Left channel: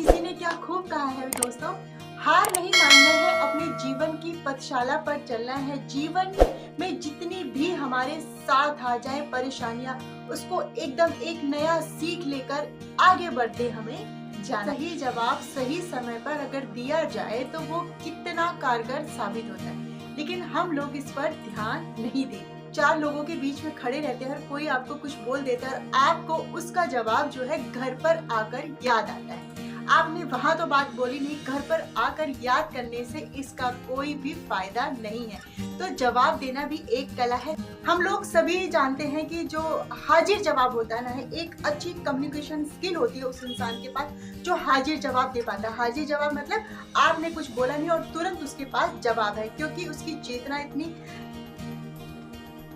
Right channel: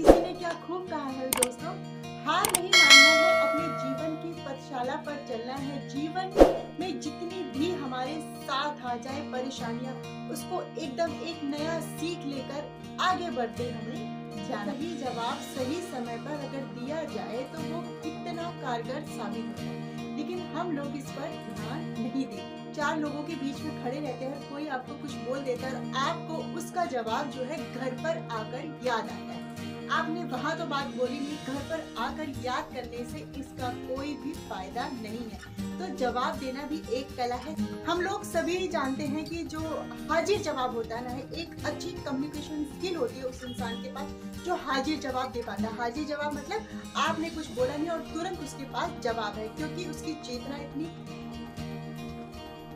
किसी ने क्या खूब कहा है दोस्तों, हार नहीं मानना है, अपने जीवन की पथशाला पर चलना है। जीवन में जितनी भी हमारे साथ आ जाए परेशानियां, उसको एकदम एक नया सीख लेकर आगे बढ़ते हमें जाना। सही जवाब सही समय पर अगर दिया जाए तो वो कितना कारगर साबित होता है, लेकिन हम लोग इस पर ध्यान नहीं देते। चार लोगों के बीच में खड़े रहते हैं और कोई आपको कुछ बोल देता है और आपको उसका जवाब जो है घर पर आकर याद आता है। आपने वहां तो बात बोली नहीं, घर पर आकर याद करने से इसका कोई भी फायदा नहीं है। तो जवाब देना भी एक कला है। हम लोग सभी जानते हैं कि जो हाजिर जवाब होता है ना, एक अच्छी कम्युनिकेशन स्किल होती है उस इंसान के पास जो हाजिर जवाब दे पाता है। हाजिर जवाब मतलब आपने कुछ बोला नहीं और तुरंत उसके पास जवाब है, क्योंकि उसकी चेतना इतनी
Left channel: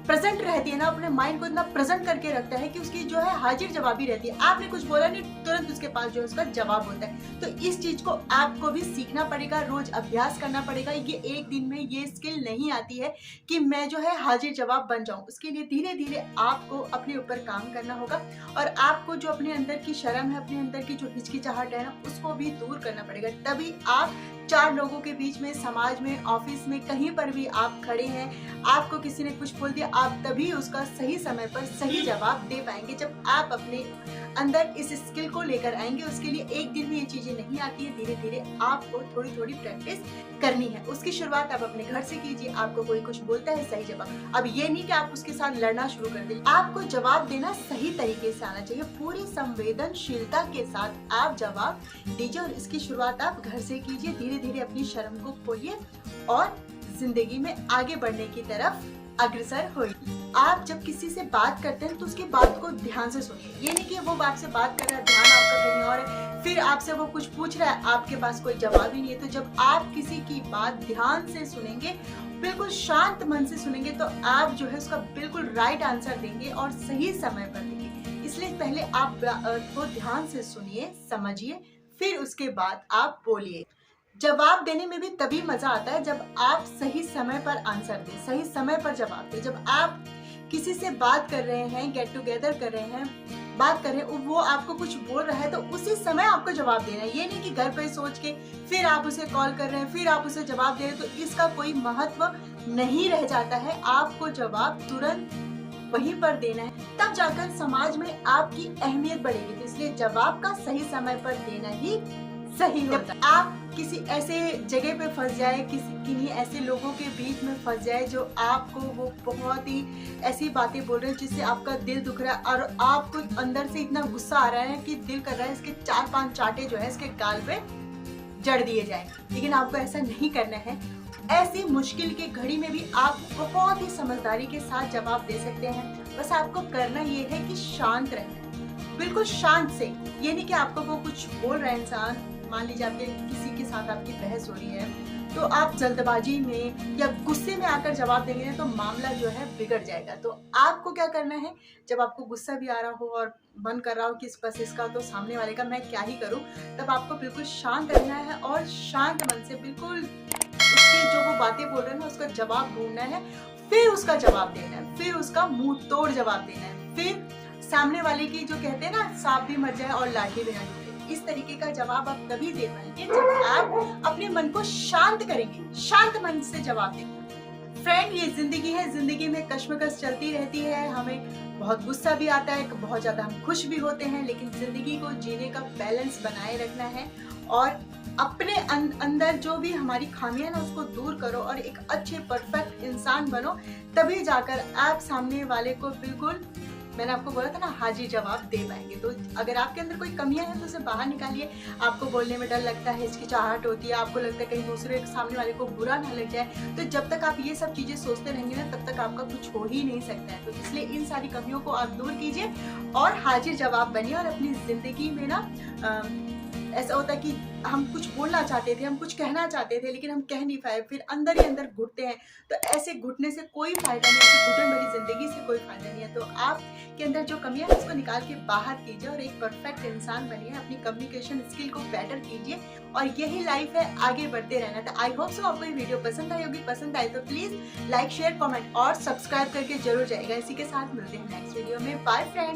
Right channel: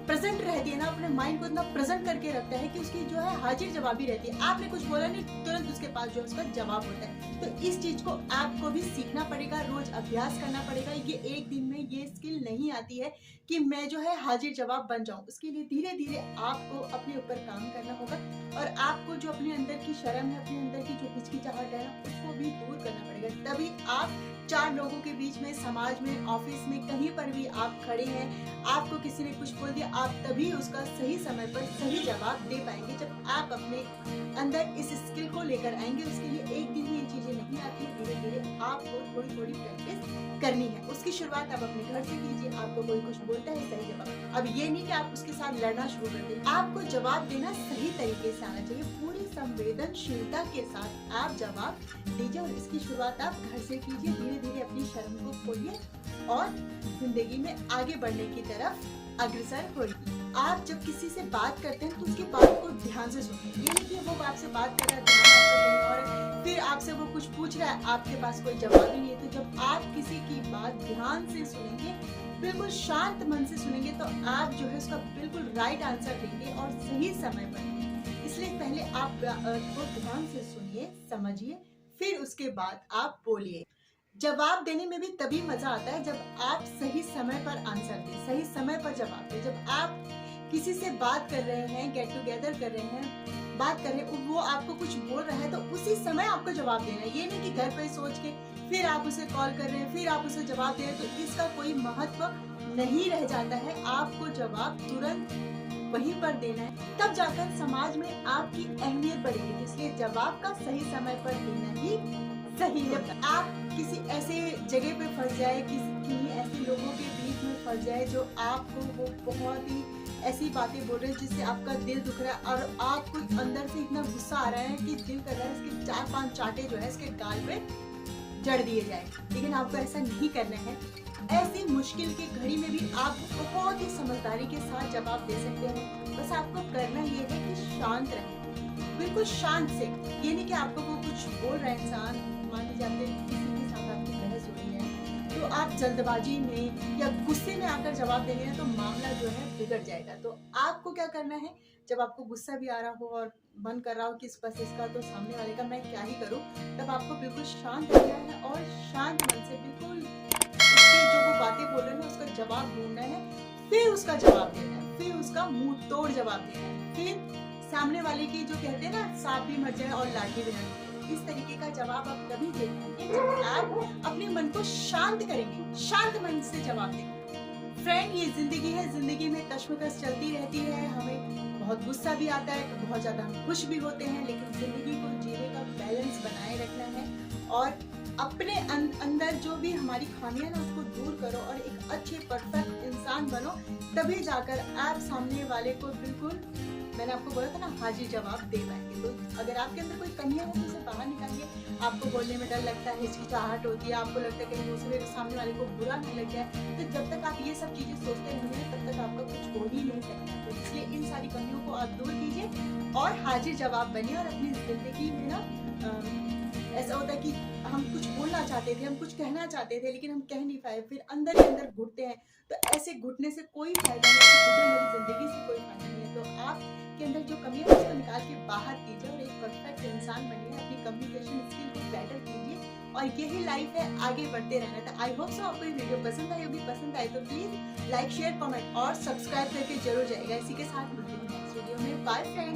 प्रेजेंट रहती है ना, अपने माइंड को इतना प्रेजेंट करके रखता है कि उसकी जो है हाजिर जवाबी रहती है। आपने कुछ बोला नहीं, तुरंत उसके पास जो है उसका जवाब होता है। तो इस चीज को आपको भी सीखना पड़ेगा, रोज अभ्यास करना पड़ेगा। ये एक दिन में ये स्किल नहीं आती है कि मैं जो है हाजिर जवाब बन जाऊं। उसके लिए धीरे धीरे आपको अपने ऊपर काम करना होगा और आपको जो अपने अंदर की शर्म है, अपने अंदर की जो हिचकिचाहट है ना, उसको भी दूर करना पड़ेगा। तभी आप चार लोगों के बीच में, समाज में, ऑफिस में, कहीं पर भी आप खड़े हैं, आपको किसी ने कुछ बोल दिया, आप तभी उसका सही समय पर सही जवाब दे पाएंगे जब आप अपने अंदर इस स्किल को लेकर आएंगे। उसके लिए एक दिन में ये चीजें नहीं आती है, धीरे धीरे आपको थोड़ी थोड़ी प्रैक्टिस करनी है। उसकी शुरुआत आप अपने घर से कीजिए। आपको कोई कुछ बोलता है, सही जवाब। अब ये नहीं कि आप उसके साथ लड़ना शुरू कर दें। आपको जवाब देना सही तरीके से आना चाहिए, पूरी संवेदनशीलता के साथ आप जवाब दीजिए और इसकी शुरुआत आप घर से कीजिए। धीरे धीरे अपनी शर्म को खोइए और जिंदगी में आगे बढ़ने की तरफ अग्रसर होइए। आप जब किसी से बात करते हैं तो उसकी बात को ध्यान से सुनिए। ये नहीं कि वो आपसे बात कर रहा है, ध्यान आपका कहीं और है, फिर आपसे वो कुछ पूछ रहा है, आपके पास कोई जवाब ही नहीं है। तो जब आप किसी की बात ध्यान से सुनेंगे, बिल्कुल शांत मन से सुनेंगे, तो आप जो है उसका बिल्कुल राइट आंसर देंगे और सही समय पर देंगे। इसलिए पहले आप वो ध्यान से सुनिए, समझिए, फिर उसके बाद आप बोलिए। जवाब देने में भी तभी मजा आता है जब आप सही समय पर आंसर दें, सही समय पर जवाब दें। जब आप किसी से बात कर रहे हैं, गेट टुगेदर कर रहे हैं, बात कर रहे हैं, वो आपको कुछ बोल रहा है तो उसी समय आपको जवाब देना है। ये नहीं कि घर पे सोच के फिर आप उसे कॉल कर रहे हैं, फिर आप उसे जवाब दे रहे हैं, तो इसका कोई महत्व नहीं रह जाता है। आपको जवाब तुरंत वहीं पर देना है, तब जाकर समाज में आपकी अहमियत बढ़ेगी। इसलिए जवाब का सही समय पर देना ही सही होता है। आप किसी ऐसे जगह पे फंस जाए, किन्हीं ऐसे लोगों के बीच में फंस जाए जो आपको वो बहुत ही ऐसी बातें बोल रहे हैं जिससे आपका दिल दुख रहा है और आपको अंदर से इतना गुस्सा आ रहा है कि दिल कर रहा है इसके 4-5 चांटे जो है इसके गाल पे जड़ दिए जाए, लेकिन आपको ऐसा नहीं करना है। ऐसी मुश्किल की घड़ी में भी आप बहुत ही समझदारी के साथ जवाब दे सकते हैं। बस आपको करना ये है कि शांत रहें, बिल्कुल शांत से। ये नहीं कि आपको वो कुछ बोल रहा है इंसान, मान लीजिए आपके किसी के साथ आपकी बहस हो रही है, तो आप जल्दबाजी में या गुस्से में आकर जवाब देंगे तो मामला जो है बिगड़ जाएगा। तो आपको क्या करना है, जब आपको गुस्सा भी आ रहा हो और मन कर रहा हो कि बस इसका तो सामने वाले का मैं क्या ही करूं, तब आपको बिल्कुल शांत रहना है और शांत मन से बिल्कुल उसकी जो वो बातें बोल रहे हैं ना उसका जवाब ढूंढना है, फिर उसका जवाब देना है, फिर उसका मुंह तोड़ जवाब देना है। फिर सामने वाले की जो कहते हैं ना, सांप भी मर जाए और लाठी भी न टूटे, इस तरीके का जवाब आप तभी दे पाएंगे जब आप अपने मन को शांत करेंगे, शांत मन से जवाब देंगे। फ्रेंड, ये जिंदगी है, जिंदगी में कश्मकश चलती रहती है, हमें बहुत गुस्सा भी आता है, बहुत ज्यादा हम खुश भी होते हैं, लेकिन जिंदगी को जीने का बैलेंस बनाए रखना है और अपने अंदर जो भी हमारी खामियां ना उसको दूर करो और एक अच्छे परफेक्ट इंसान बनो। तभी जाकर आप सामने वाले को बिल्कुल, मैंने आपको बोला था ना, हाजिर जवाब दे पाएंगे। तो अगर आपके अंदर कोई कमियां हैं तो उसे बाहर निकालिए। आपको बोलने में डर लगता है, हिचकिचाहट होती है, आपको लगता है कहीं दूसरे सामने वाले को बुरा ना लग जाए, तो जब तक आप ये सब चीजें सोचते रहेंगे ना, तब तक आपका कुछ हो ही नहीं सकता है। तो इसलिए इन सारी कमियों को आप दूर कीजिए और हाजिर जवाब बनिए। और अपनी जिंदगी में ना ऐसा होता है कि हम कुछ बोलना चाहते थे, हम कुछ कहना चाहते थे, लेकिन हम कह नहीं पाए, फिर अंदर ही अंदर घुटते हैं। तो ऐसे घुटने से कोई फायदा नहीं है, घुटन भरी जिंदगी से कोई फायदा नहीं है। तो आपके अंदर जो कमियां है उसको निकाल के बाहर कीजिए और एक परफेक्ट इंसान बनिए। अपनी कम्युनिकेशन स्किल को बेटर कीजिए और यही लाइफ है, आगे बढ़ते रहना। तो आई होप सो आपको ये वीडियो पसंद आई होगी। पसंद आई तो प्लीज लाइक, शेयर, कमेंट और सब्सक्राइब करके जरूर जाएगा। इसी के साथ मिलते हैं नेक्स्ट वीडियो में। Bye friend.